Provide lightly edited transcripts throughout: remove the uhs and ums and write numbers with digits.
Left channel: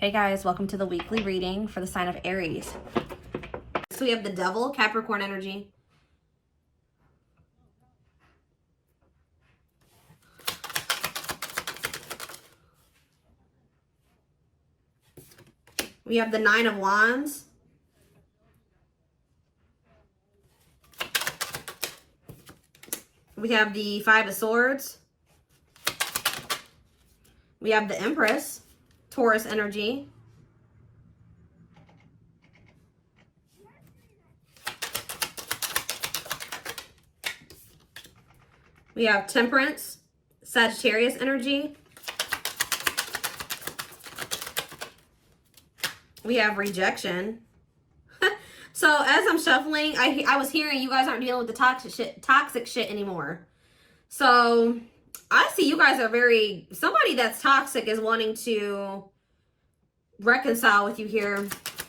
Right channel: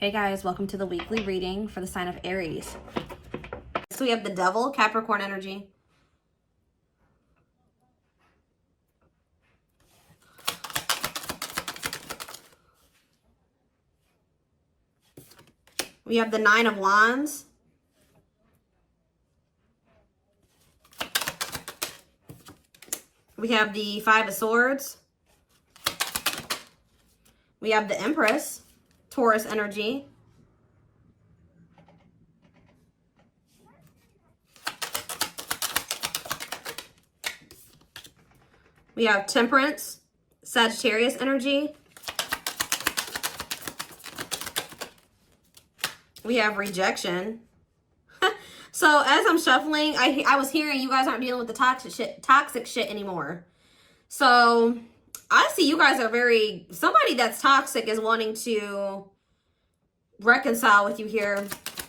Hey guys, welcome to the weekly reading for the sign of Aries. So we have the Devil, Capricorn energy. We have the Nine of Wands. We have the Five of Swords. We have the Empress, Taurus energy. We have Temperance, Sagittarius energy. We have Rejection. So as I'm shuffling, I was hearing you guys aren't dealing with the toxic shit anymore. So I see you guys are somebody that's toxic is wanting to reconcile with you here.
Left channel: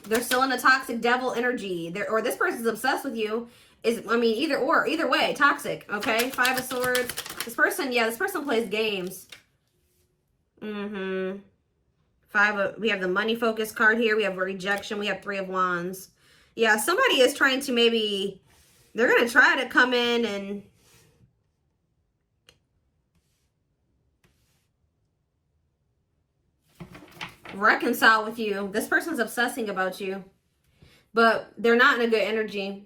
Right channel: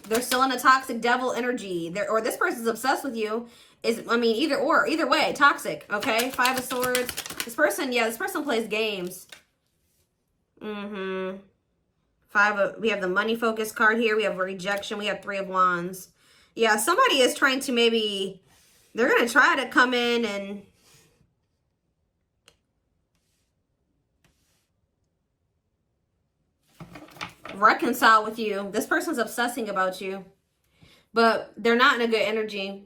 They're still in the toxic devil energy. Or this person's obsessed with you. Either way, toxic, okay? Five of Swords. This person plays games. We have the money focus card here. We have Rejection. We have Three of Wands. Yeah, somebody is trying to they're going to try to come in and reconcile with you. This person's obsessing about you, but they're not in a good energy.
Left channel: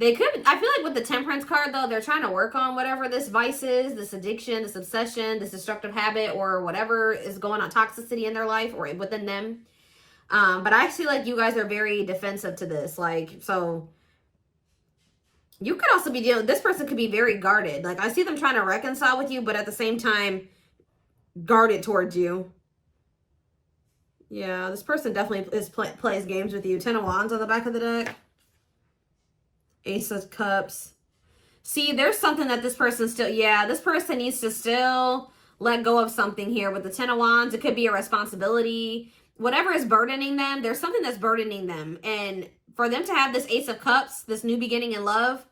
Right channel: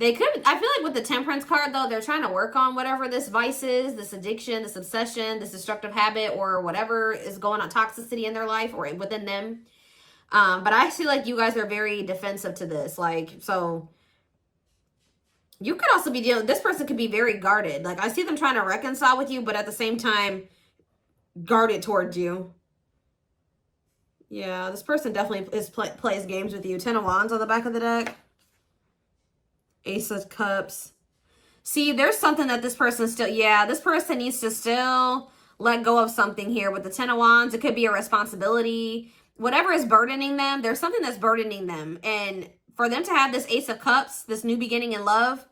I feel like with the Temperance card, though, they're trying to work on whatever this vice is, this addiction, this obsession, this destructive habit, or whatever is going on, toxicity in their life or within them. But I feel like you guys are very defensive to this. So you could also be this person could be very guarded. I see them trying to reconcile with you, but at the same time, guarded towards you. Yeah, this person definitely plays games with you. Ten of Wands on the back of the deck. Ace of Cups. See, there's something that this person this person needs to still let go of something here. With the Ten of Wands, it could be a responsibility. Whatever is burdening them, there's something that's burdening them. And for them to have this Ace of Cups, this new beginning in love,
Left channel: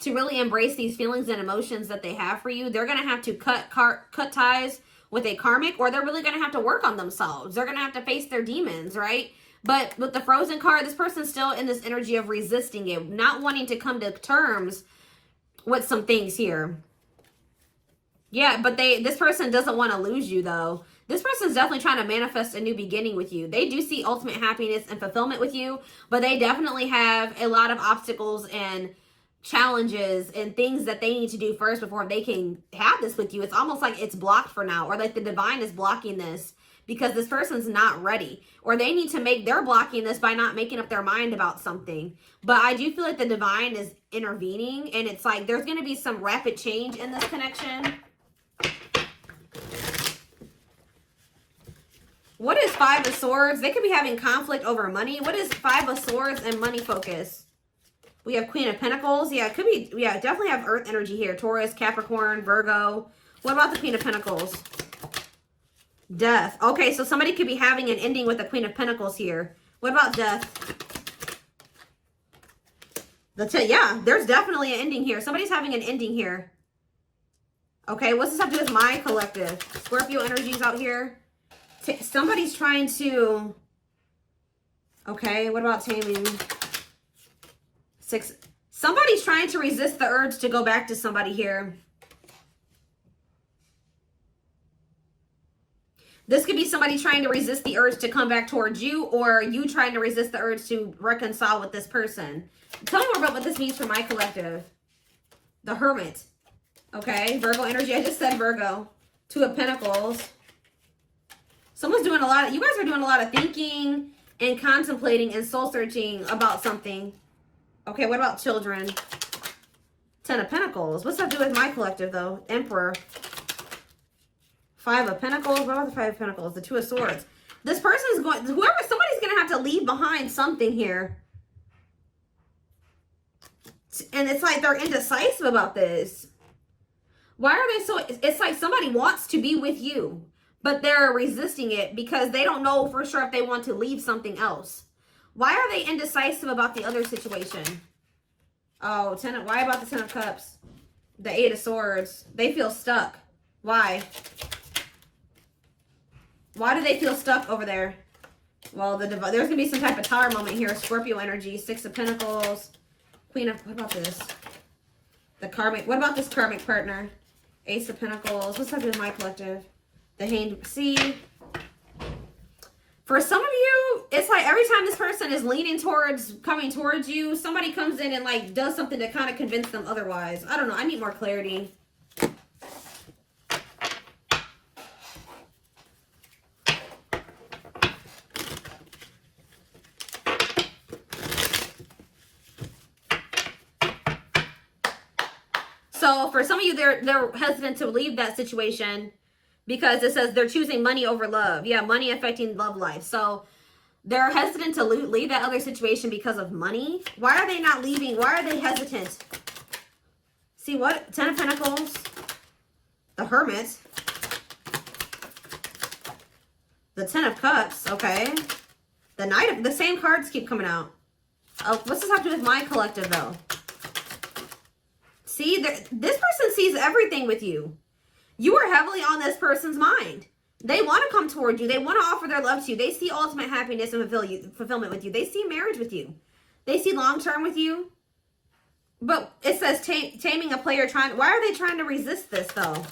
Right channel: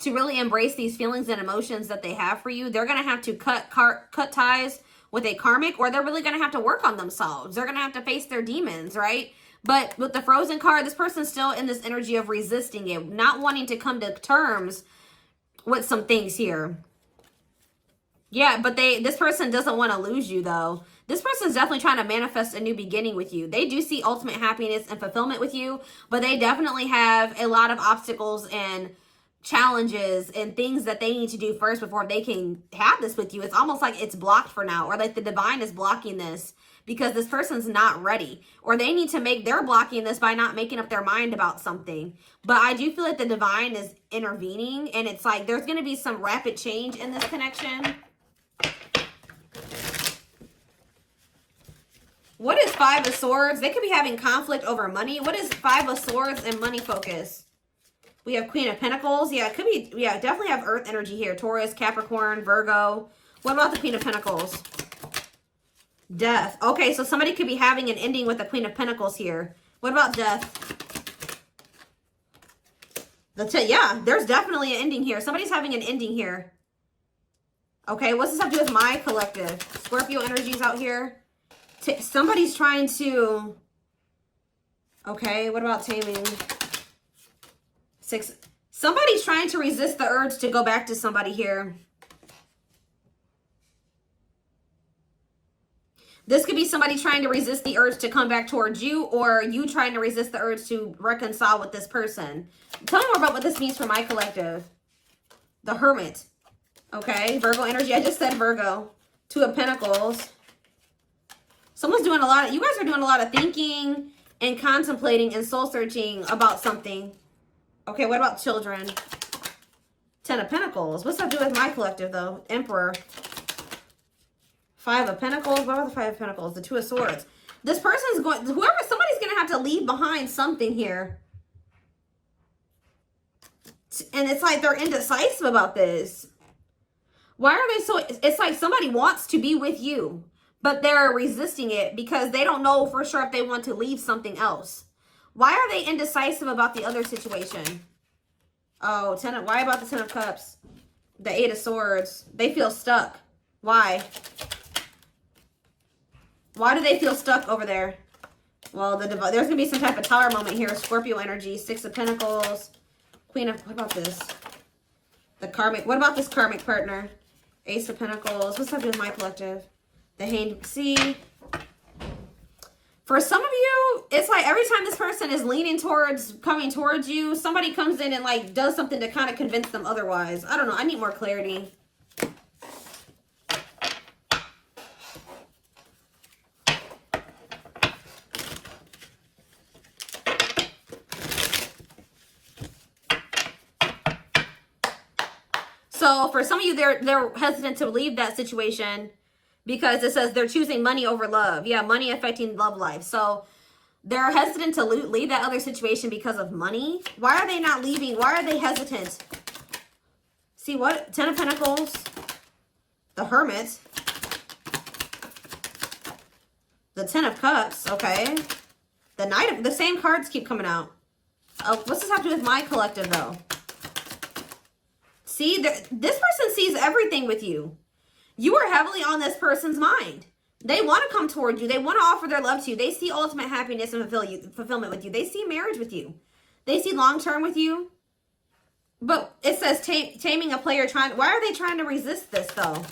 to really embrace these feelings and emotions that they have for you, they're going to have to cut ties with a karmic, or they're really going to have to work on themselves. They're going to have to face their demons, right? But with the Frozen card, this person's still in this energy of resisting it, not wanting to come to terms with some things here. Yeah, but this person doesn't want to lose you, though. This person's definitely trying to manifest a new beginning with you. They do see ultimate happiness and fulfillment with you, but they definitely have a lot of obstacles and challenges and things that they need to do first before they can have this with you. It's almost like it's blocked for now, or like the divine is blocking this because this person's not ready, or they're blocking this by not making up their mind about something. But I do feel like the divine is intervening, and it's like there's going to be some rapid change in this connection. What is Five of Swords? They could be having conflict over money. What is Five of Swords and money focus? We have Queen of Pentacles. Yeah, it could be, definitely have Earth energy here. Taurus, Capricorn, Virgo. What about the Queen of Pentacles? Death. Okay, so somebody could be having an ending with the Queen of Pentacles here. What about death? Yeah, there's definitely an ending here. Somebody's having an ending here. Okay, what's this have to do with my collective? Scorpio energies out here. Somebody's trying to... Okay, what about taming? Somebody's trying to resist the urge to go back to somebody here. This could be somebody trying to resist the urge to come back towards you, or you trying to resist the urge to reconcile with this person. Tell me more about what this means for my collective. The Hermit. Okay, Virgo energy. I just said Virgo. Two of Pentacles. Someone's doing you guys are doing a lot of thinking and contemplating and soul searching about something. Okay, what about children? Ten of Pentacles. What's that do with my collective, though? Emperor. Five of Pentacles. What about the Five of Pentacles? The Two of Swords. This person's somebody's going to have to leave behind something here. And it's like they're indecisive about this. Why are they so... It's like somebody wants to be with you, but they're resisting it because they don't know for sure if they want to leave something else. Why are they indecisive about the other situation? Oh, why about the Ten of Cups? The Eight of Swords. They feel stuck. Why? Why do they feel stuck over there? Well, there's going to be some type of tower moment here. Scorpio energy, Six of Pentacles, Queen of, what about this? The karmic, what about this karmic partner? Ace of Pentacles. What's happening in my collective? The Hanged. See, for some of you, it's like every time this person is leaning towards, coming towards you, somebody comes in and like does something to kind of convince them otherwise. I don't know. I need more clarity. So for some of you, they're hesitant to leave that situation because it says they're choosing money over love. Yeah, money affecting love life. So they're hesitant to leave that other situation because of money. Why are they not leaving? Why are they hesitant? See what? Ten of Pentacles, the Hermit, the Ten of Cups, okay. The Knight of, the same cards keep coming out. What's this have to do with my collective though? See, this person sees everything with you. You are heavily on this person's mind. They want to come toward you. They want to offer their love to you. They see ultimate happiness and fulfillment with you. They see marriage with you. They see long-term with you. But it says taming a player trying. Why are they trying to resist this, though?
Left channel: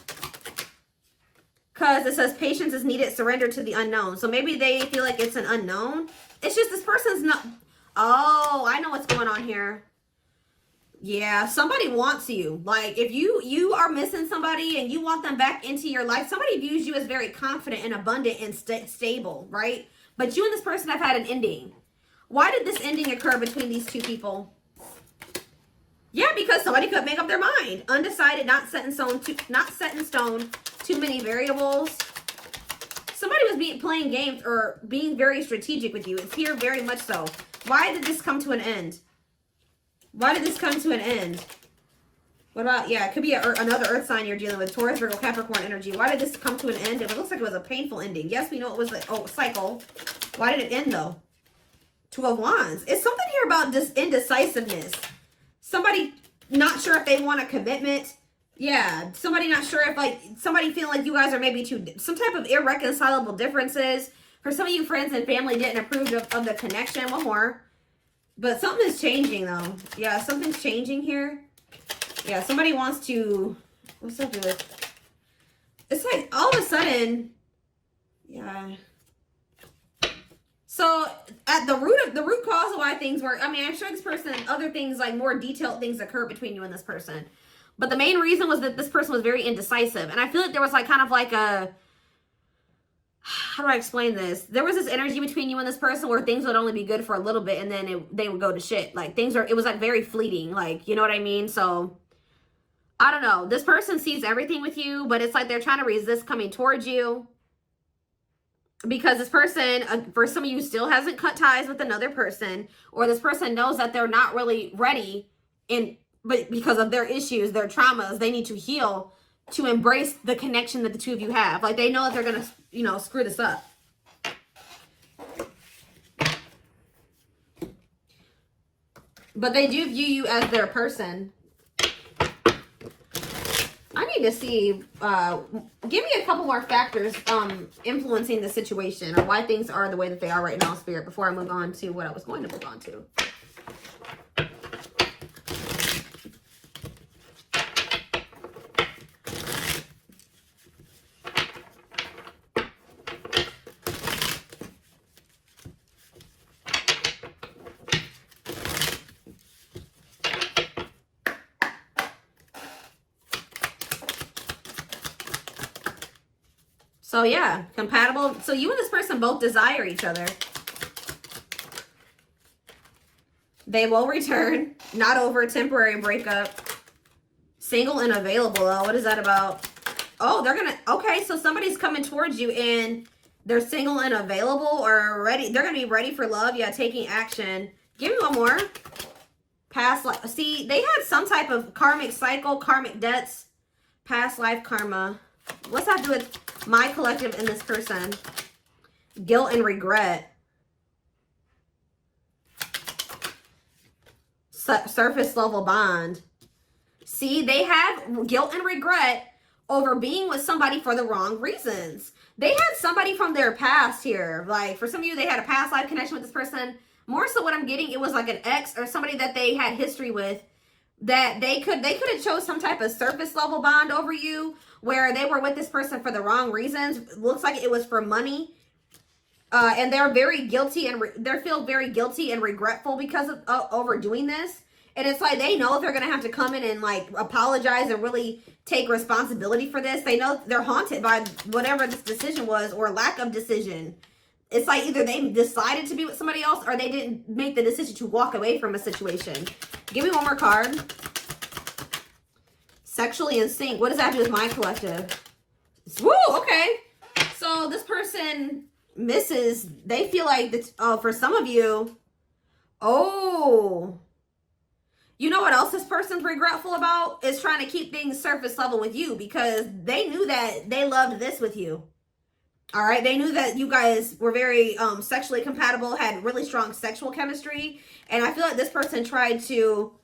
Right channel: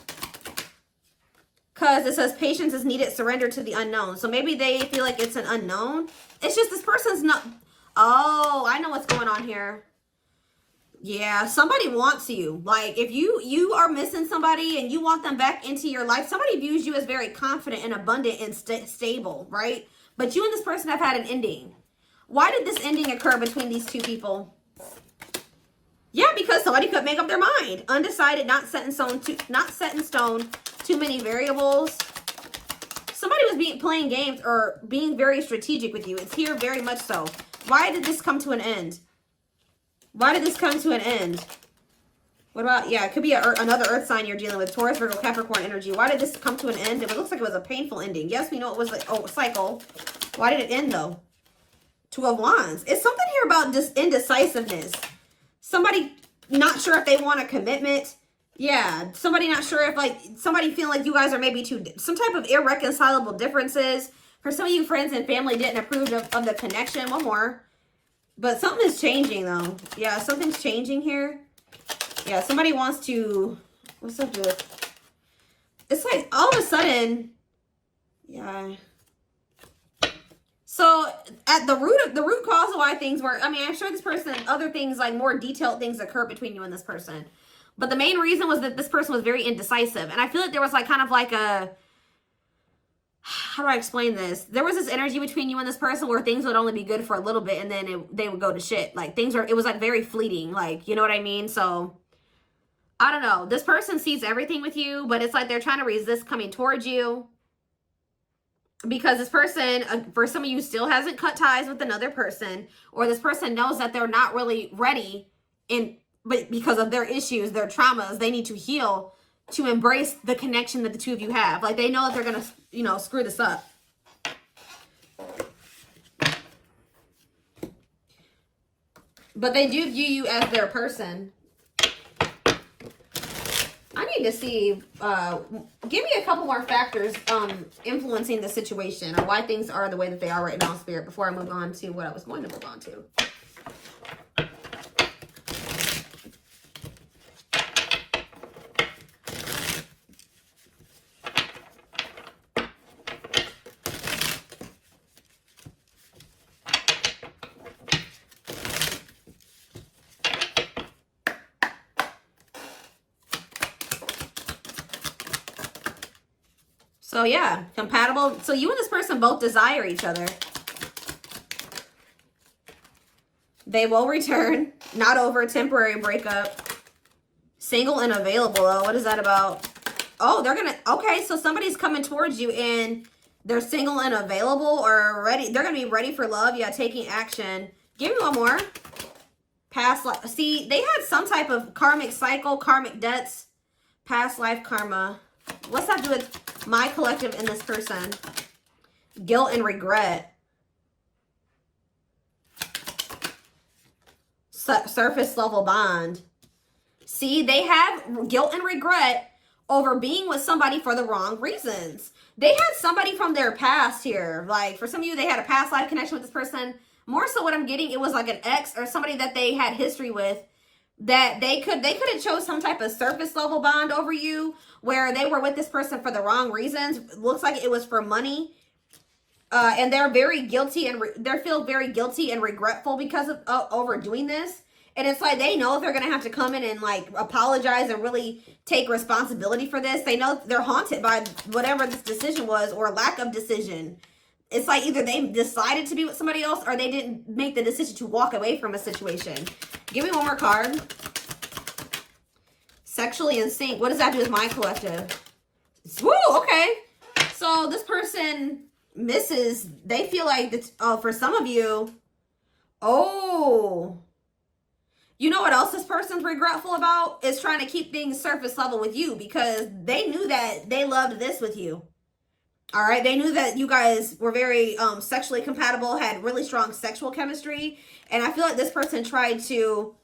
Because it says patience is needed, surrender to the unknown. So maybe they feel like it's an unknown. It's just this person's not. Oh, I know what's going on here. Yeah, somebody wants you. Like, if you are missing somebody and you want them back into your life, somebody views you as very confident and abundant and stable, right? But you and this person have had an ending. Why did this ending occur between these two people? Yeah, because somebody could make up their mind. Undecided, not set in stone, too many variables. Somebody was playing games or being very strategic with you. It's here very much so. Why did this come to an end? Why did this come to an end? What about, yeah, it could be another earth sign you're dealing with. Taurus, Virgo, Capricorn energy. Why did this come to an end? And it looks like it was a painful ending. Yes, we know it was a cycle. Why did it end, though? Two of Wands. It's something here about this indecisiveness. Somebody not sure if they want a commitment. Yeah, somebody not sure if, like, somebody feeling like you guys are maybe some type of irreconcilable differences. For some of you, friends and family didn't approve of the connection. One more. But something is changing, though. Yeah, something's changing here. Yeah, somebody wants to... What's up with it? It's like, all of a sudden... Yeah. So, at the root cause of why things were... I mean, I'm sure this person... Other things, like more detailed things occur between you and this person. But the main reason was that this person was very indecisive. And I feel like there was, like, kind of like a... How do I explain this? There was this energy between you and this person where things would only be good for a little bit and then they would go to shit. Like, it was like very fleeting. Like, you know what I mean? So, I don't know. This person sees everything with you, but it's like they're trying to resist coming towards you. Because this person, for some of you, still hasn't cut ties with another person. Or this person knows that they're not really ready. But because of their issues, their traumas, they need to heal to embrace the connection that the two of you have. Like, they know that they're going to... you know, screw this up. But they do view you as their person. I need to see, give me a couple more factors influencing the situation or why things are the way that they are right now, Spirit, before I move on to what I was going to move on to. So yeah, compatible. So you and this person both desire each other. They will return. Not over a temporary breakup. Single and available. Oh, what is that about? Oh, they're gonna, okay, so somebody's coming towards you and they're single and available or ready. They're gonna be ready for love. Yeah, taking action. Give me one more. Past life. See, they had some type of karmic cycle, karmic debts, past life karma. What's that do with my collective and this person? Guilt and regret. Surface level bond. See, they have guilt and regret over being with somebody for the wrong reasons. They had somebody from their past here. Like, for some of you, they had a past life connection with this person. More so what I'm getting, it was like an ex or somebody that they had history with, that they could have chose some type of surface level bond over you, where they were with this person for the wrong reasons. Looks like it was for money. And they're very guilty, and they feel very guilty and regretful because of overdoing this. And it's like they know they're going to have to come in and like apologize and really take responsibility for this. They know they're haunted by whatever this decision was, or lack of decision. It's like either they decided to be with somebody else, or they didn't make the decision to walk away from a situation. Give me one more card. Sexually in sync. What does that do with my collective? Woo, okay. So this person misses. They feel like, for some of you, you know what else this person's regretful about? Is trying to keep things surface level with you, because they knew that they loved this with you. All right, they knew that you guys were very sexually compatible, had really strong sexual chemistry, and I feel like this person tried to,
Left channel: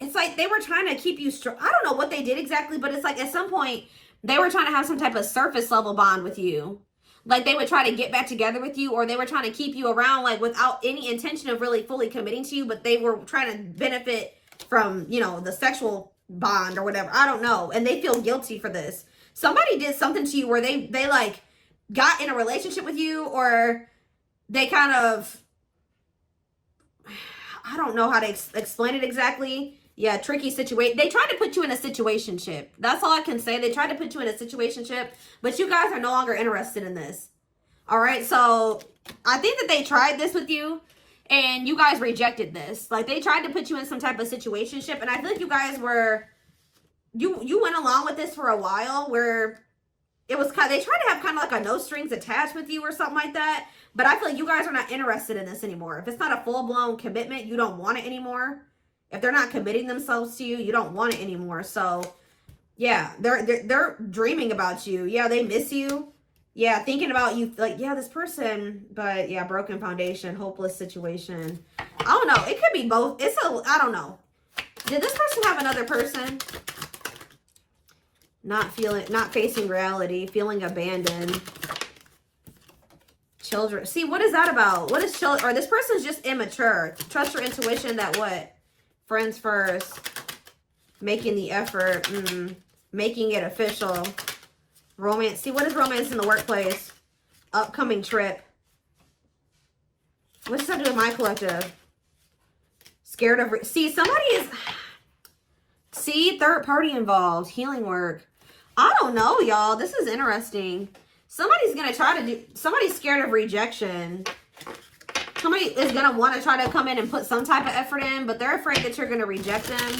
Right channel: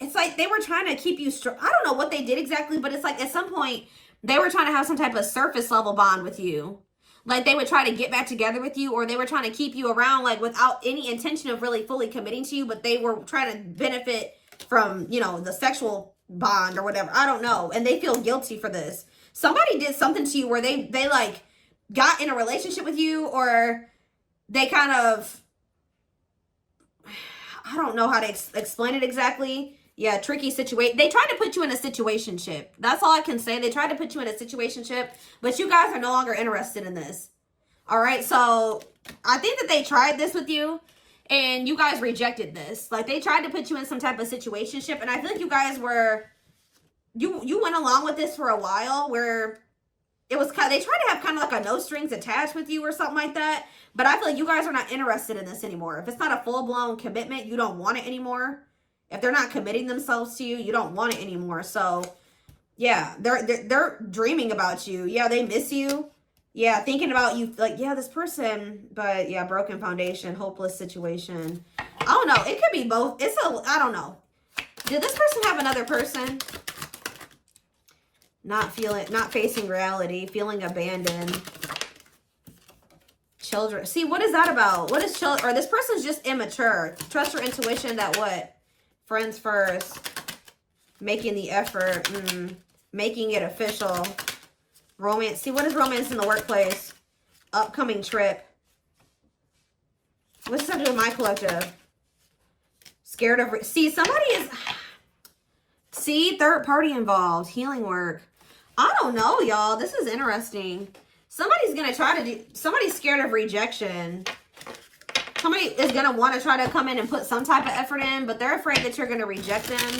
it's like they were trying to keep you I don't know what they did exactly, but it's like at some point they were trying to have some type of surface level bond with you. Like they would try to get back together with you, or they were trying to keep you around like without any intention of really fully committing to you, but they were trying to benefit from, you know, the sexual bond or whatever. I don't know. And they feel guilty for this. Somebody did something to you where they like got in a relationship with you, or they kind of, I don't know how to explain it exactly. Yeah, tricky situation. They tried to put you in a situationship. That's all I can say. They tried to put you in a situationship, but you guys are no longer interested in this. All right, so I think that they tried this with you, and you guys rejected this. Like, they tried to put you in some type of situationship, and I feel like you guys were, you went along with this for a while, where it was kind of, they tried to have kind of like a no strings attached with you or something like that, but I feel like you guys are not interested in this anymore. If it's not a full-blown commitment, you don't want it anymore. If they're not committing themselves to you, you don't want it anymore. So, yeah, they're dreaming about you. Yeah, they miss you. Yeah, thinking about you, like, yeah, this person, but yeah, broken foundation, hopeless situation. I don't know. It could be both. I don't know. Did this person have another person? Not facing reality, feeling abandoned. Children. See, what is that about? What is children? Or this person's just immature. Trust your intuition that what? Friends first. Making the effort. Making it official. Romance. See, what is romance in the workplace? Upcoming trip. What's that do with my collective? Scared of... See, somebody is... See, third party involved. Healing work. I don't know, y'all. This is interesting. Somebody's going to try to do... Somebody's scared of rejection. Somebody is going to want to try to come in and put some type of effort in, but they're afraid that you're going to reject them.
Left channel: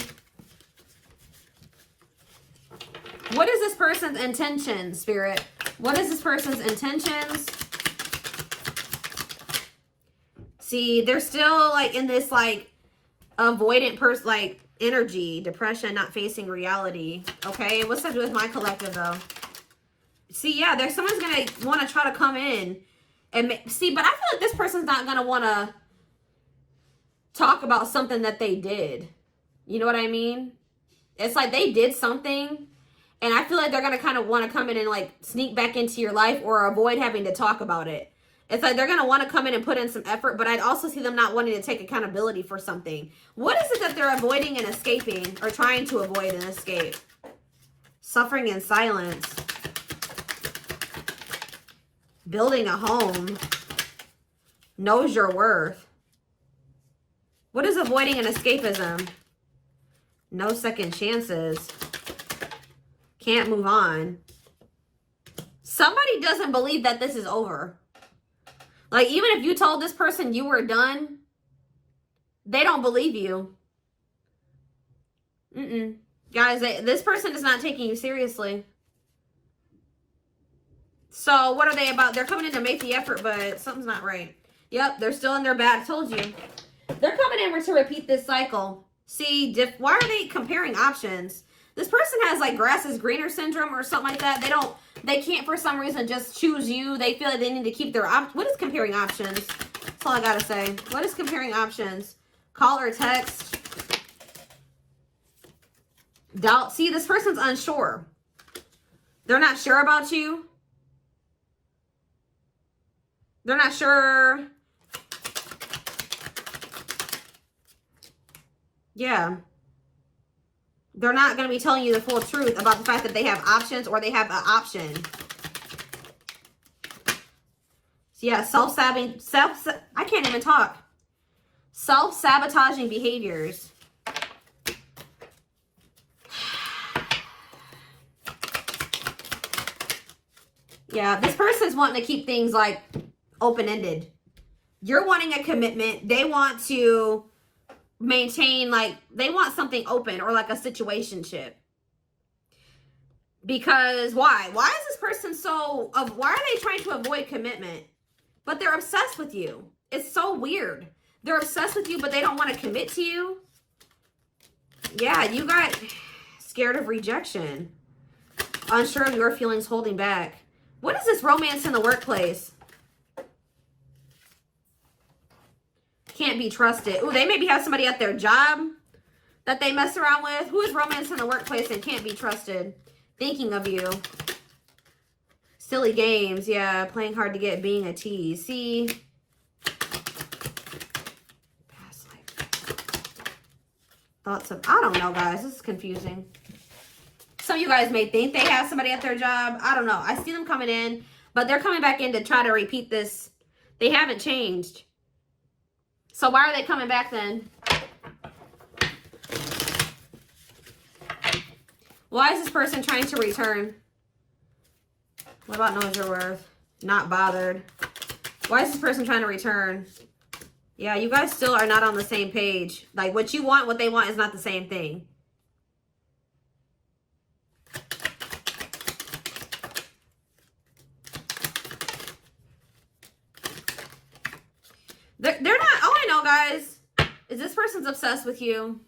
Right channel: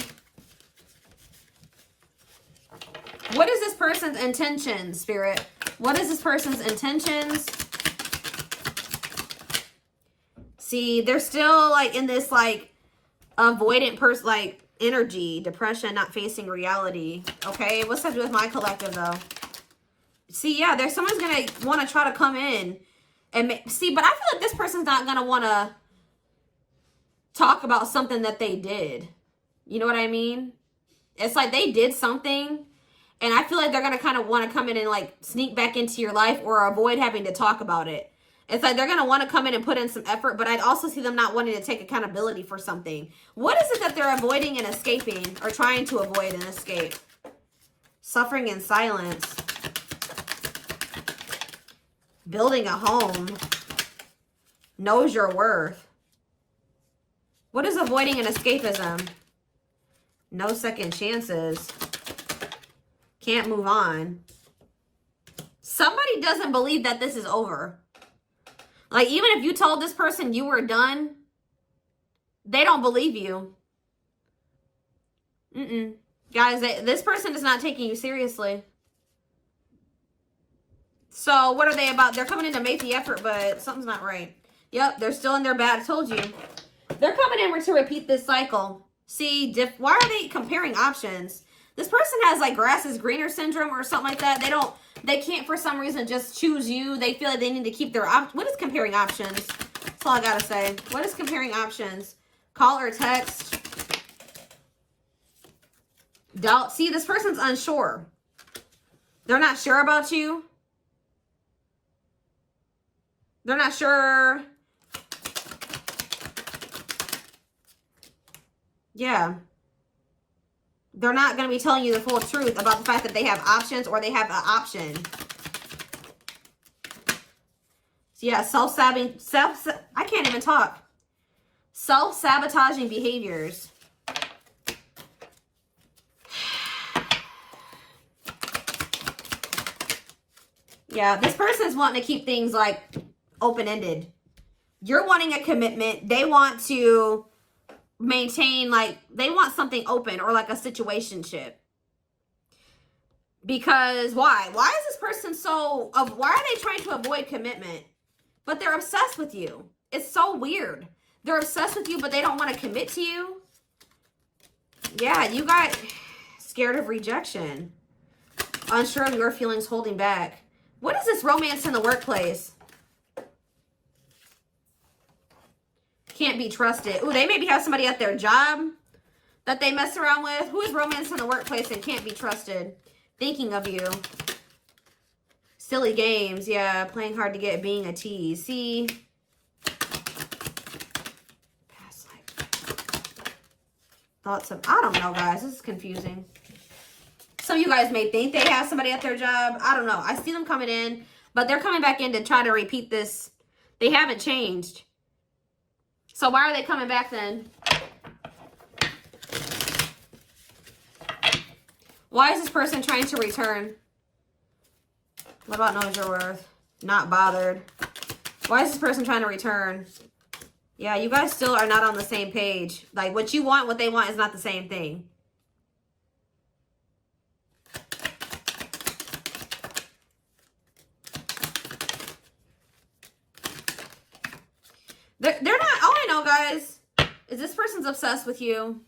What is this person's intentions, Spirit? What is this person's intentions? See, they're still like in this like avoidant person, like energy, depression, not facing reality. Okay, what's that do with my collective though? See, yeah, there's someone's gonna want to try to come in and see, but I feel like this person's not gonna want to talk about something that they did. You know what I mean? It's like they did something, and I feel like they're gonna kind of want to come in and like sneak back into your life or avoid having to talk about it. It's like they're gonna want to come in and put in some effort, but I'd also see them not wanting to take accountability for something. What is it that they're avoiding and escaping, or trying to avoid and escape? Suffering in silence. Building a home. Knows your worth. What is avoiding and escapism? No second chances. Can't move on. Somebody doesn't believe that this is over. Like, even if you told this person you were done, they don't believe you. Guys, this person is not taking you seriously. So, what are they about? They're coming in to make the effort, but something's not right. Yep, they're still in their bad. I told you. They're coming in to repeat this cycle. See, why are they comparing options? This person has, like, grass is greener syndrome or something like that. They can't, for some reason, just choose you. They feel like they need to keep their what is comparing options? That's all I gotta say. What is comparing options? Call or text? Doubt. See, this person's unsure. They're not sure about you. They're not sure. Yeah. They're not going to be telling you the full truth about the fact that they have options or they have an option. So yeah, I can't even talk. Self-sabotaging behaviors. Yeah, this person's wanting to keep things like open-ended. You're wanting a commitment. They want to maintain, like, they want something open or like a situationship. Because why? Why is this person so, why are they trying to avoid commitment? But they're obsessed with you. It's so weird. They're obsessed with you, but they don't want to commit to you. Yeah, you got scared of rejection. Unsure of your feelings, holding back. What is this romance in the workplace? Can't be trusted. Ooh, they maybe have somebody at their job that they mess around with. Who is romance in the workplace and can't be trusted? Thinking of you. Silly games. Yeah, playing hard to get, being a tease. See? Past life. Thoughts of, I don't know, guys. This is confusing. Some of you guys may think they have somebody at their job. I don't know. I see them coming in, but they're coming back in to try to repeat this. They haven't changed. So why are they coming back then? Why is this person trying to return? What about knows your worth? Not bothered. Why is this person trying to return? Yeah, you guys still are not on the same page. Like, what you want, what they want is not the same thing. They're not, all I know, guys, is this person's obsessed with you.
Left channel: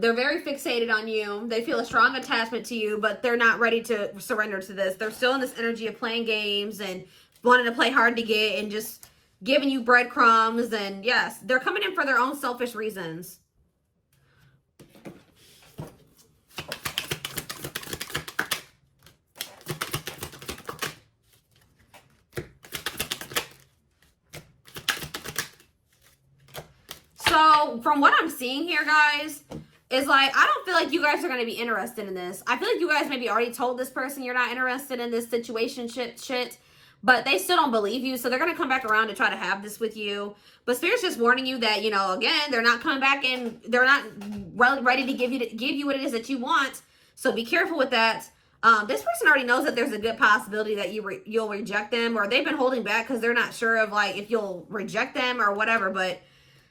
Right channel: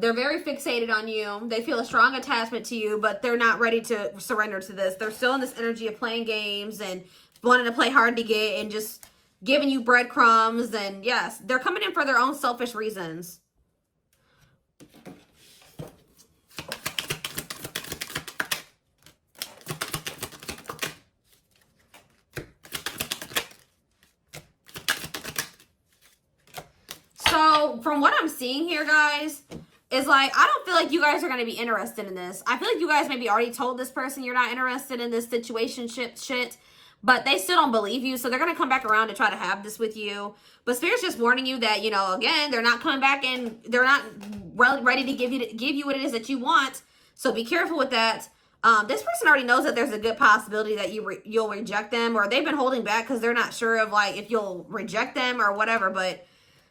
They're very fixated on you. They feel a strong attachment to you, but they're not ready to surrender to this. They're still in this energy of playing games and wanting to play hard to get and just giving you breadcrumbs. And yes, they're coming in for their own selfish reasons. So from what I'm seeing here, guys, is like, I don't feel like you guys are going to be interested in this. I feel like you guys maybe already told this person you're not interested in this situationship shit, but they still don't believe you. So they're going to come back around to try to have this with you. But Spirit's just warning you that, you know, again, they're not coming back and they're not ready to give you what it is that you want. So be careful with that. This person already knows that there's a good possibility that you'll reject them, or they've been holding back because they're not sure of like if you'll reject them or whatever. But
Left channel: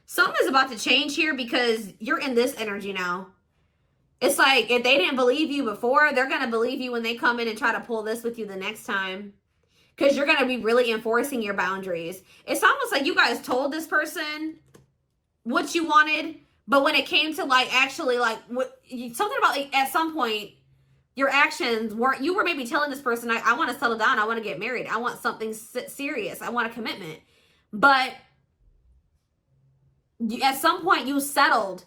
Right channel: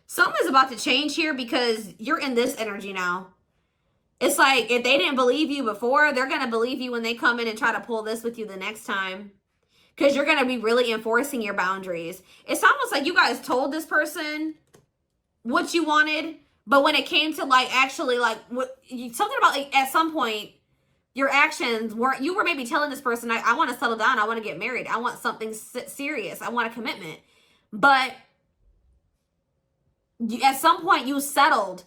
something is about to change here because you're in this energy now. It's like if they didn't believe you before, they're going to believe you when they come in and try to pull this with you the next time. Because you're going to be really enforcing your boundaries. It's almost like you guys told this person what you wanted, but when it came to like actually like something about like at some point your actions weren't, you were maybe telling this person, I want to settle down, I want to get married, I want something serious, I want a commitment. But at some point you settled.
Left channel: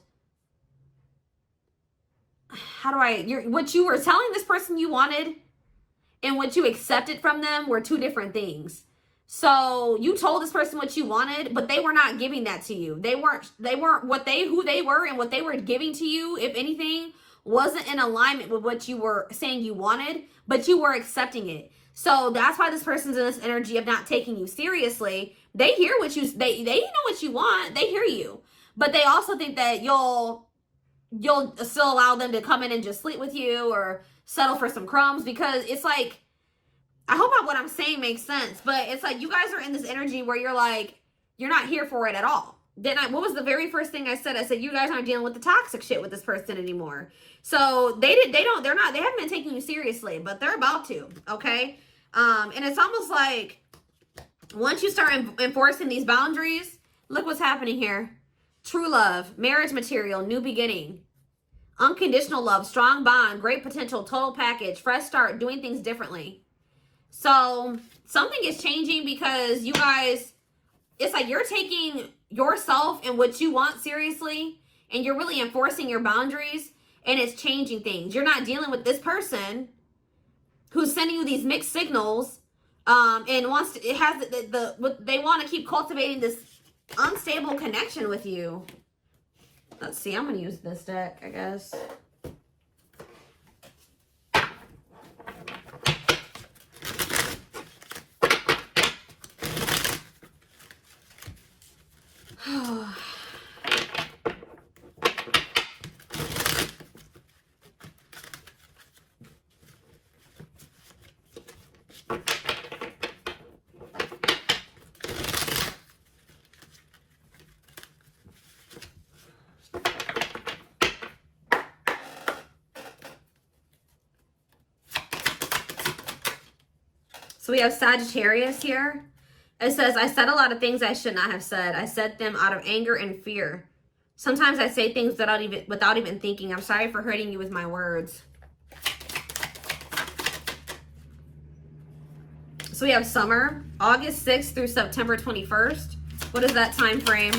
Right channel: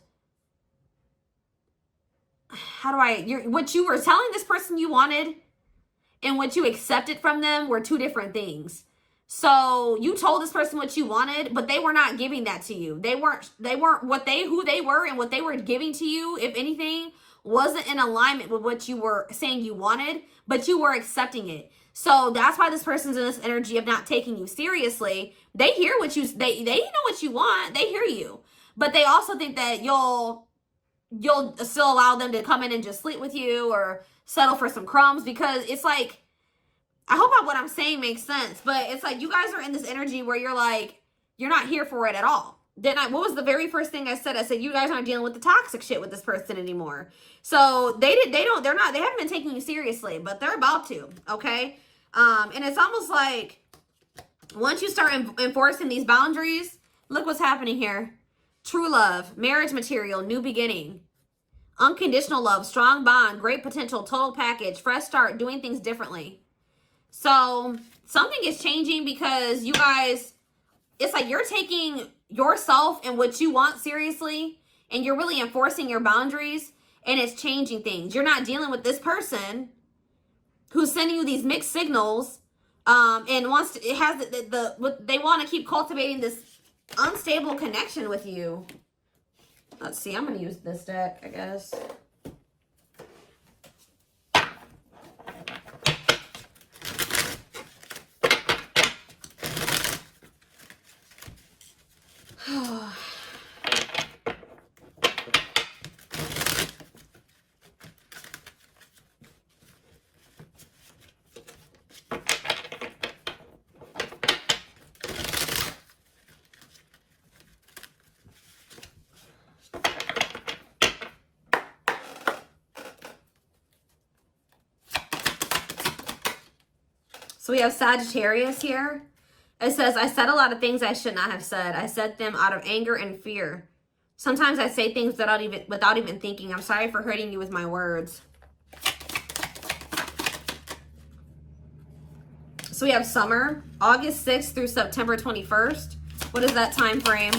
What you were telling this person you wanted and what you accepted from them were two different things. So you told this person what you wanted, but they were not giving that to you. They weren't who they were, and what they were giving to you, if anything, wasn't in alignment with what you were saying you wanted, but you were accepting it. So that's why this person's in this energy of not taking you seriously. They hear what they know what you want. They hear you. But they also think that you'll still allow them to come in and just sleep with you or settle for some crumbs, because it's like, I hope what I'm saying makes sense, but it's like you guys are in this energy where you're like, you're not here for it at all. What was the very first thing I said? I said, you guys aren't dealing with the toxic shit with this person anymore. So they haven't been taking you seriously, but they're about to, okay? And it's almost like once you start enforcing these boundaries, look what's happening here. True love, marriage material, new beginning, unconditional love, strong bond, great potential, total package, fresh start, doing things differently. So something is changing because you guys, it's like you're taking yourself and what you want seriously, and you're really enforcing your boundaries, and it's changing things. You're not dealing with this person who's sending you these mixed signals And wants to, it has they want to keep cultivating this unstable connection with you. Let's see, I'm going to use this deck, I guess. So we have Sagittarius here. It says, I said a lot of things I should not have said. I said them out of anger and fear. Sometimes I say things without even thinking. I'm sorry for hurting you with my words. So we have summer, August 6th through September 21st. What is that time frame?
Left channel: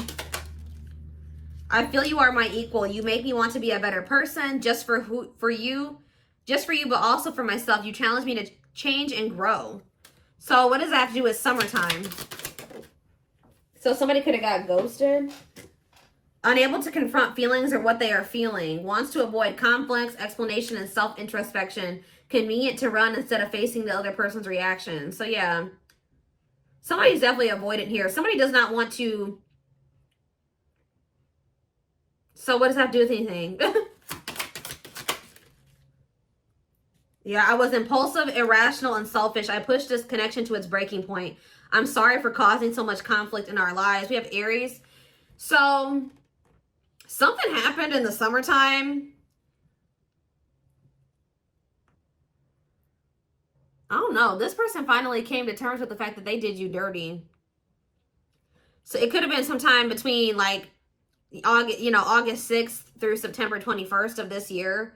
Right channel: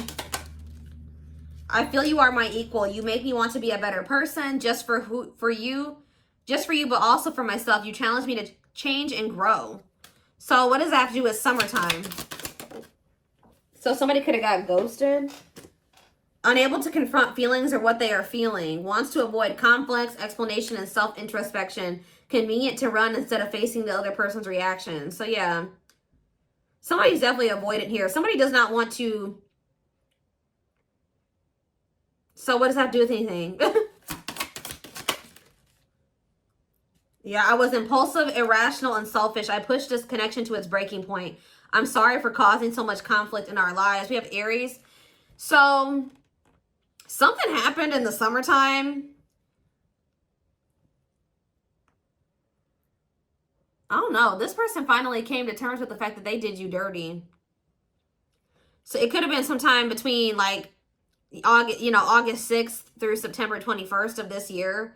I feel you are my equal. You make me want to be a better person just for you, but also for myself. You challenge me to change and grow. So what does that have to do with summertime? So somebody could have got ghosted. Unable to confront feelings or what they are feeling. Wants to avoid conflicts, explanation, and self-introspection. Convenient to run instead of facing the other person's reaction. So yeah. Somebody's definitely avoidant here. Somebody does not want to. So what does that have to do with anything? Yeah, I was impulsive, irrational, and selfish. I pushed this connection to its breaking point. I'm sorry for causing so much conflict in our lives. We have Aries. So, something happened in the summertime. I don't know. This person finally came to terms with the fact that they did you dirty. So, it could have been sometime between, like, August 6th through September 21st of this year.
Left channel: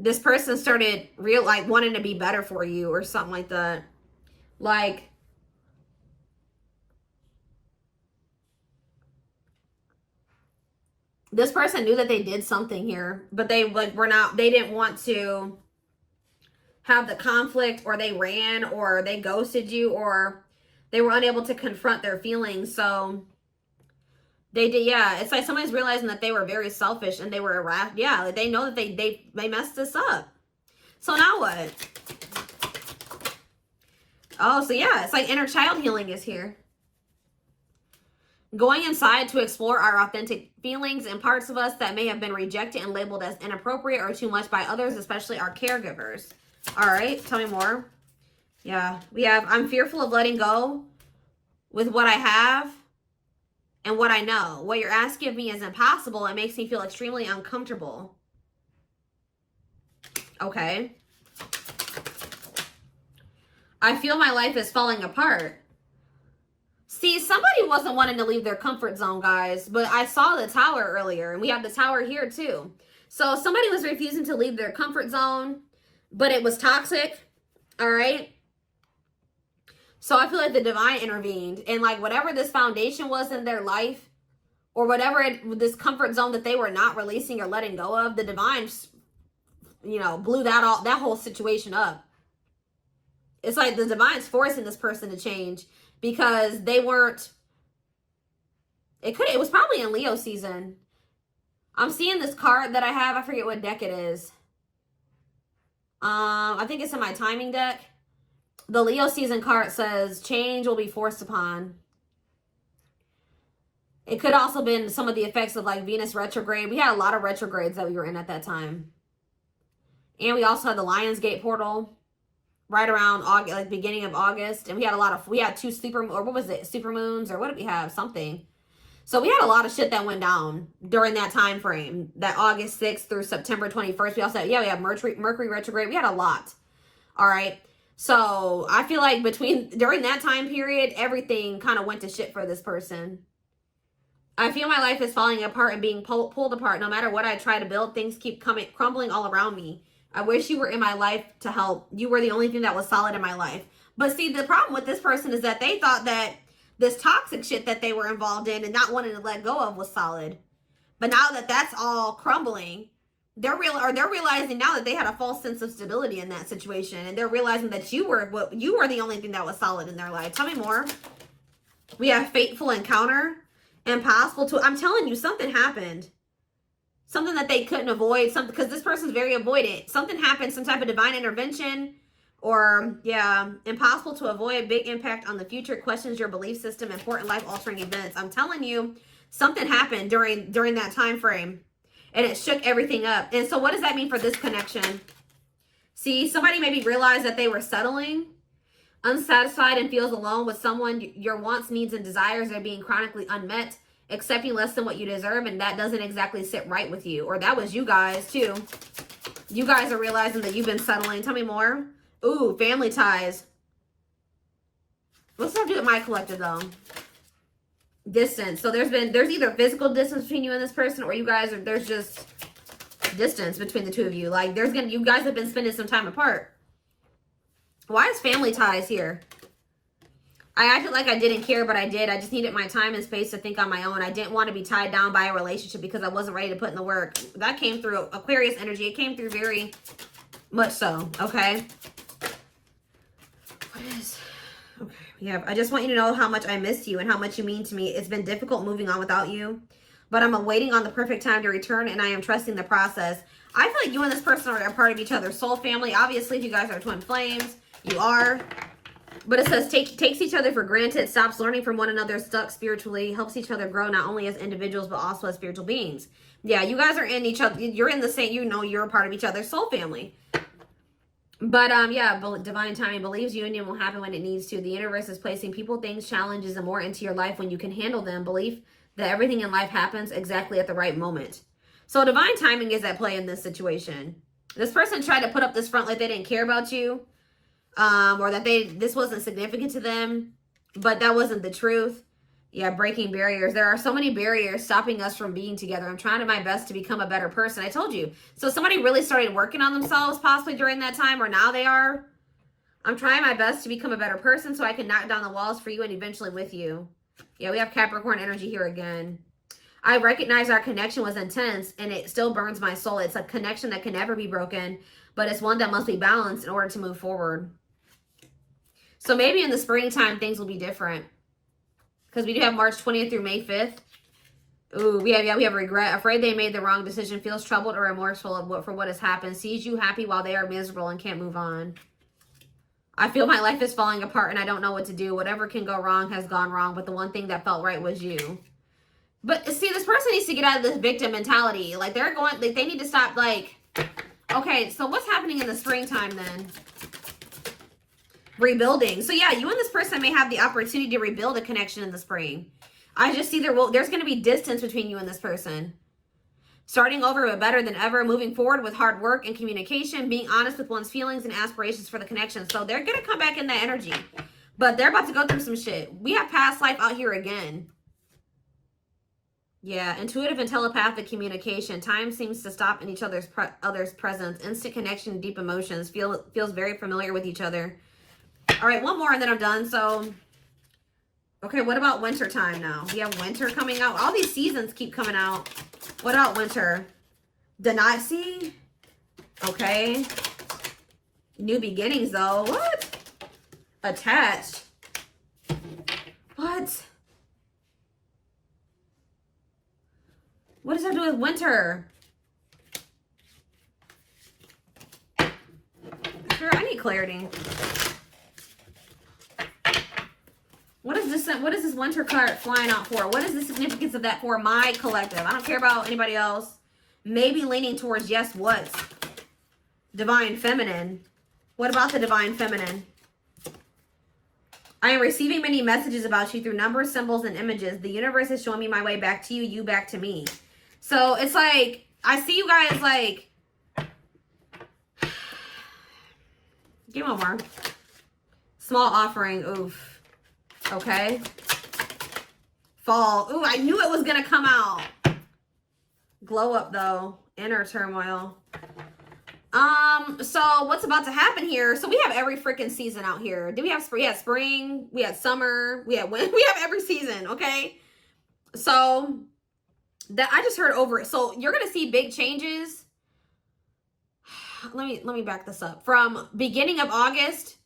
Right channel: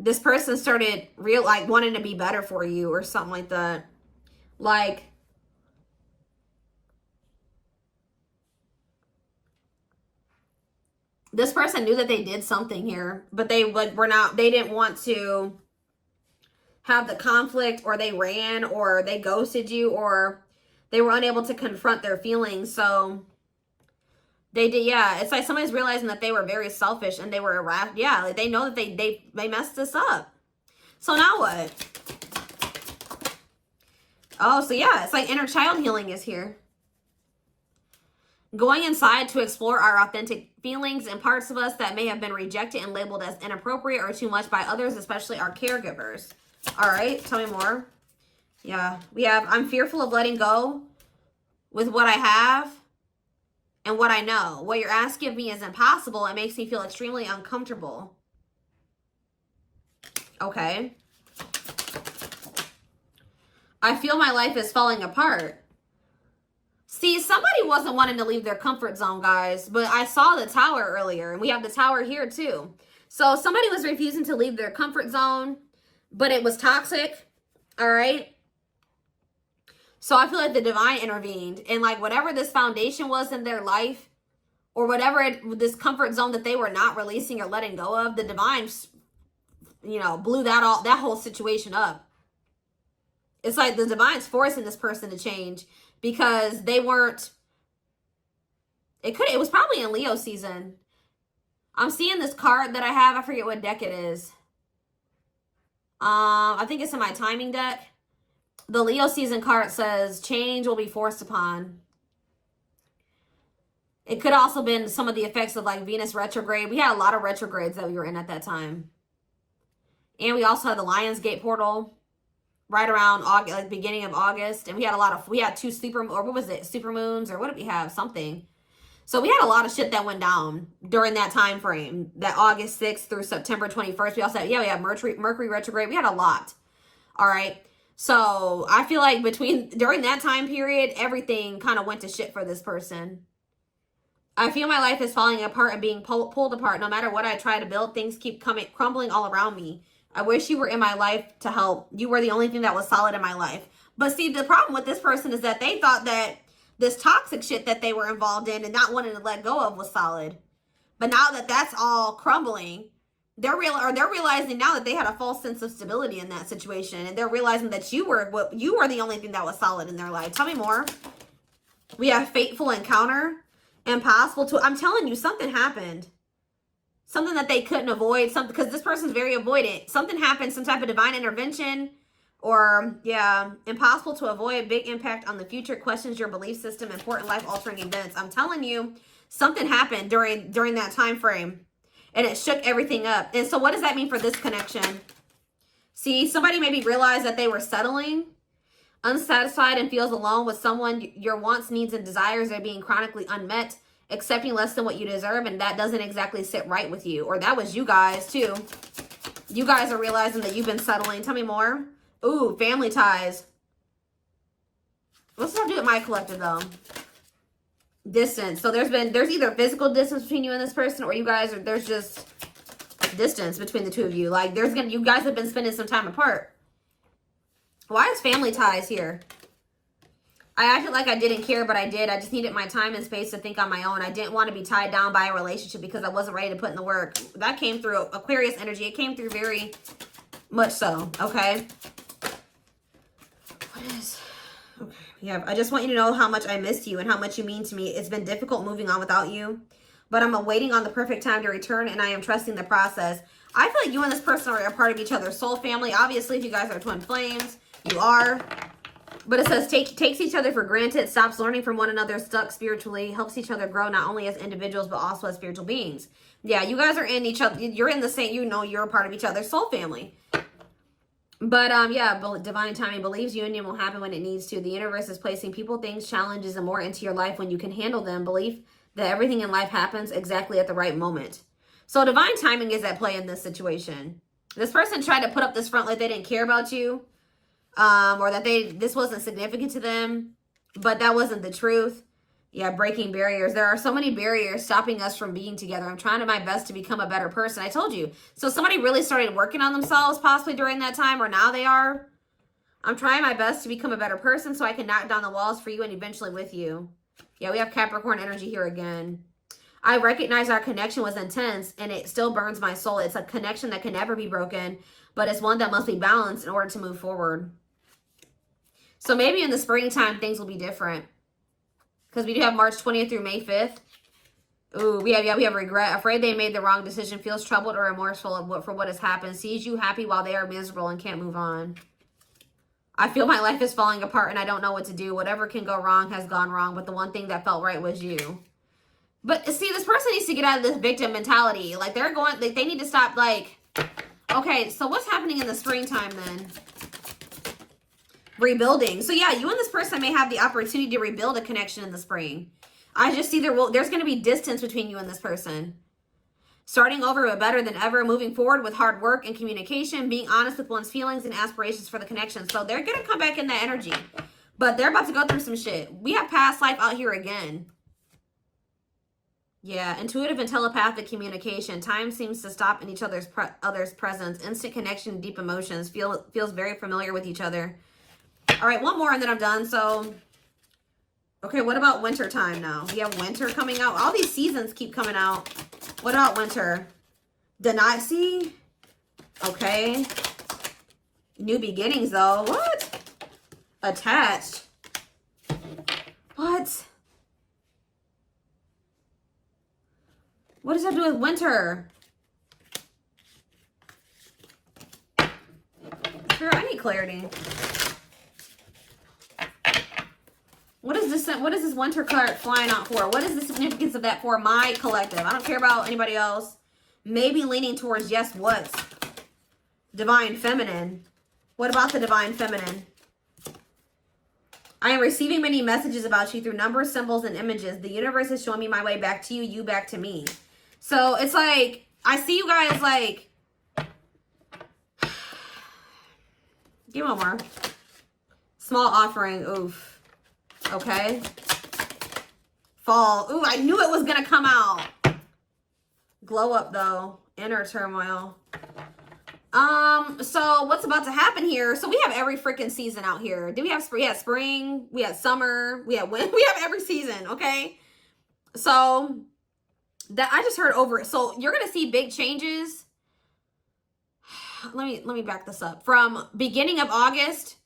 This person started wanting to be better for you or something like that. Like, this person knew that they did something here, but they didn't want to have the conflict, or they ran, or they ghosted you, or they were unable to confront their feelings. So they did, yeah. It's like somebody's realizing that they were very selfish and they were irrational. Yeah, like they know that they messed this up. So now what? Oh, so yeah, it's like inner child healing is here. Going inside to explore our authentic feelings and parts of us that may have been rejected and labeled as inappropriate or too much by others, especially our caregivers. All right, tell me more. Yeah, we have, I'm fearful of letting go with what I have and what I know. What you're asking of me is impossible. It makes me feel extremely uncomfortable. Okay. I feel my life is falling apart. See, somebody wasn't wanting to leave their comfort zone, guys, but I saw the tower earlier, and we have the tower here too. So somebody was refusing to leave their comfort zone, but it was toxic, all right? So I feel like the divine intervened, and like whatever this foundation was in their life, or whatever this comfort zone that they were not releasing or letting go of, the divine, blew that whole situation up. It's like the divine's forcing this person to change because they weren't. It was probably in Leo season. I'm seeing this card that I have. I forget what deck it is. I think it's in my timing deck. The Leo season card says change will be forced upon. It could also been some of the effects of like Venus retrograde. We had a lot of retrogrades that we were in at that time. And we also had the Lionsgate portal right around August, like beginning of August. And we had two super moons, or what did we have? Something. So we had a lot of shit that went down during that time frame, that August 6th through September 21st. We also had, we had Mercury retrograde. We had a lot. All right. So I feel like during that time period, everything kind of went to shit for this person. I feel my life is falling apart and being pulled apart. No matter what I try to build, things keep crumbling all around me. I wish you were in my life to help. You were the only thing that was solid in my life. But see, the problem with this person is that they thought that this toxic shit that they were involved in and not wanting to let go of was solid. But now that that's all crumbling, They're realizing now that they had a false sense of stability in that situation, and they're realizing that you were the only thing that was solid in their life. Tell me more. We have fateful encounter, impossible to. I'm telling you, something happened. Something that they couldn't avoid. Something, because this person's very avoidant. Something happened. Some type of divine intervention, or yeah, impossible to avoid. Big impact on the future. Questions your belief system. Important life altering events. I'm telling you, something happened during that time frame. And it shook everything up. And so what does that mean for this connection? See, somebody maybe realized that they were settling, unsatisfied, and feels alone with someone. Your wants, needs, and desires are being chronically unmet, accepting less than what you deserve, and that doesn't exactly sit right with you. Or that was you guys, too. You guys are realizing that you've been settling. Tell me more. Ooh, family ties. What's that do with my collective, though? Distance. So there's either physical distance between you and this person, or you guys there's just distance between the two of you. Like you guys have been spending some time apart. Why is family ties here? I acted like I didn't care, but I did. I just needed my time and space to think on my own. I didn't want to be tied down by a relationship because I wasn't ready to put in the work. That came through Aquarius energy. It came through very much so. Okay. What is... Okay, yeah, I just want you to know how much I miss you and how much you mean to me. It's been difficult moving on without you, but I'm awaiting on the perfect time to return, and I am trusting the process. I feel like you and this person are a part of each other's soul family. Obviously, if you guys are twin flames, you are. But it says takes each other for granted, stops learning from one another, stuck spiritually, helps each other grow not only as individuals, but also as spiritual beings. Yeah, you guys are in each other. You're in the same, you're a part of each other's soul family. But, yeah, divine timing believes union will happen when it needs to. The universe is placing people, things, challenges, and more into your life when you can handle them. Belief that everything in life happens exactly at the right moment. So divine timing is at play in this situation. This person tried to put up this front like they didn't care about you, or that this wasn't significant to them, but that wasn't the truth. Yeah, breaking barriers. There are so many barriers stopping us from being together. I'm trying my best to become a better person. I told you. So somebody really started working on themselves possibly during that time, or now they are. I'm trying my best to become a better person so I can knock down the walls for you and eventually with you. Yeah, we have Capricorn energy here again. I recognize our connection was intense and it still burns my soul. It's a connection that can never be broken, but it's one that must be balanced in order to move forward. So maybe in the springtime, things will be different. Because we do have March 20th through May 5th. Ooh, we have regret. Afraid they made the wrong decision. Feels troubled or remorseful for what has happened. Sees you happy while they are miserable and can't move on. I feel my life is falling apart and I don't know what to do. Whatever can go wrong has gone wrong. But the one thing that felt right was you. But see, this person needs to get out of this victim mentality. Like they need to stop okay, so what's happening in the springtime then? Rebuilding. So yeah, you and this person may have the opportunity to rebuild a connection in the spring. I just see there's going to be distance between you and this person. Starting over but better than ever, moving forward with hard work and communication, being honest with one's feelings and aspirations for the connection. So they're going to come back in that energy. But they're about to go through some shit. We have past life out here again. Yeah, intuitive and telepathic communication. Time seems to stop in each other's presence. Instant connection, deep emotions. Feels very familiar with each other. All right, one more and then I'm done. So, okay, what about winter time now? We have winter coming out. All these seasons keep coming out. What about winter? Denasi? Okay. New beginnings, though. What? Attached. What? What does that do with winter? Sure, I need clarity. What is this winter card flying out for? What is the significance of that for my collective? I don't care about anybody else. Maybe leaning towards yes, what? Divine feminine. What about the divine feminine? I am receiving many messages about you through numbers, symbols, and images. The universe is showing me my way back to you, you back to me. So it's like, I see you guys like, give me one more. Small offering, oof. Okay. Fall. Ooh, I knew it was going to come out. Glow up, though. Inner turmoil. So what's about to happen here? So we have every freaking season out here. Do we have spring? Yeah, spring. We have summer. We have winter. We have every season, okay? So that I just heard over it. So you're going to see big changes let me back this up. From beginning of August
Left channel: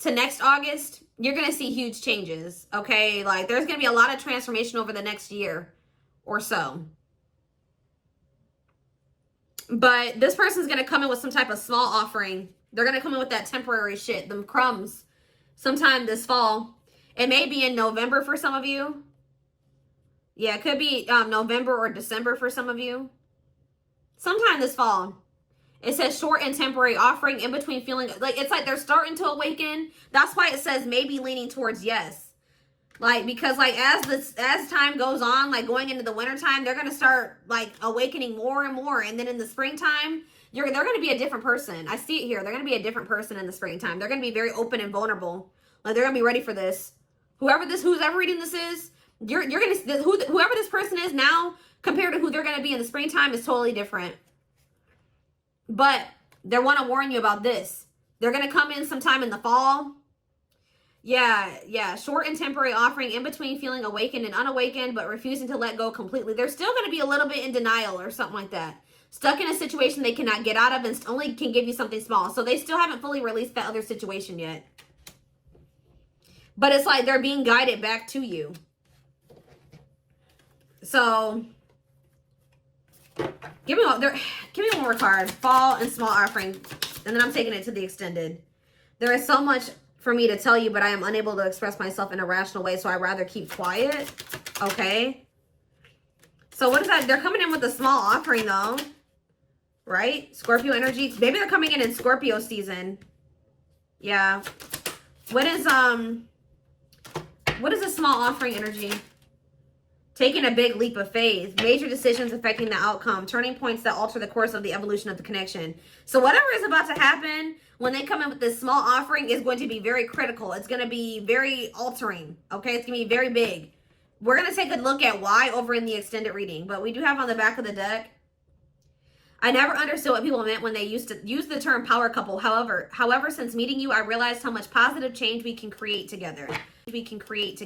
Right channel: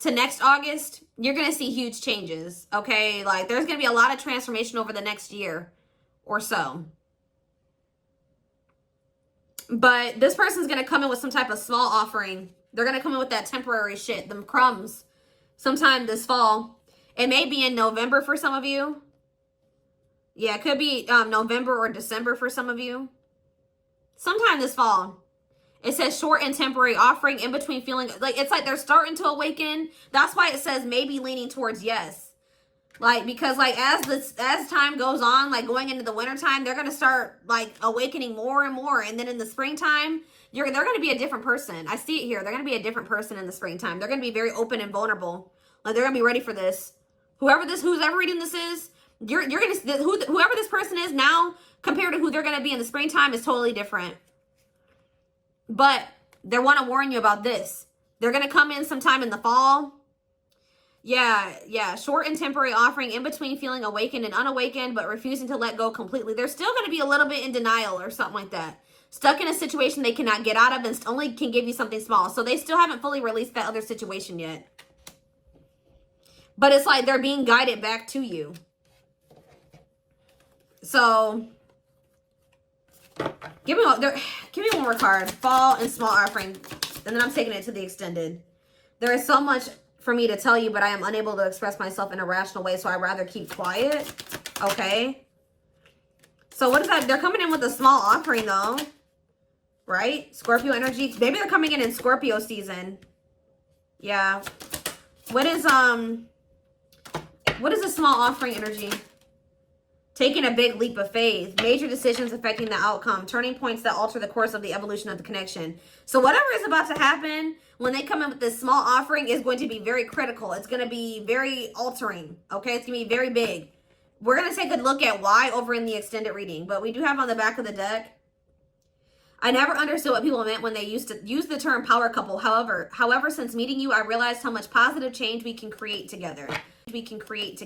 to next August, you're going to see huge changes, okay? Like, there's going to be a lot of transformation over the next year or so. But this person's going to come in with some type of small offering. They're going to come in with that temporary shit, them crumbs, sometime this fall. It may be in November for some of you. Yeah, it could be November or December for some of you. Sometime this fall. It says short and temporary offering in between feeling like it's like they're starting to awaken. That's why it says maybe leaning towards yes. Like, because like as time goes on, like going into the winter time, they're gonna start like awakening more and more. And then in the springtime, they're gonna be a different person. I see it here. They're gonna be a different person in the springtime. They're gonna be very open and vulnerable. Like, they're gonna be ready for this. Who's ever reading this is, you're gonna whoever this person is now compared to who they're gonna be in the springtime is totally different. But they want to warn you about this. They're going to come in sometime in the fall. Yeah. Short and temporary offering in between feeling awakened and unawakened, but refusing to let go completely. They're still going to be a little bit in denial or something like that. Stuck in a situation they cannot get out of and only can give you something small. So they still haven't fully released that other situation yet. But it's like they're being guided back to you. So give me one more card. Fall and small offering. And then I'm taking it to the extended. There is so much for me to tell you, but I am unable to express myself in a rational way, so I'd rather keep quiet. Okay. So what is that? They're coming in with a small offering though. Right? Scorpio energy. Maybe they're coming in Scorpio season. Yeah. What is a small offering energy? Taking a big leap of faith, major decisions affecting the outcome, turning points that alter the course of the evolution of the connection. So whatever is about to happen when they come in with this small offering is going to be very critical. It's going to be very altering, okay? It's going to be very big. We're going to take a look at why over in the extended reading, but we do have on the back of the deck, I never understood what people meant when they used to use the term power couple. However, since meeting you, I realized how much positive change we can create together. We can create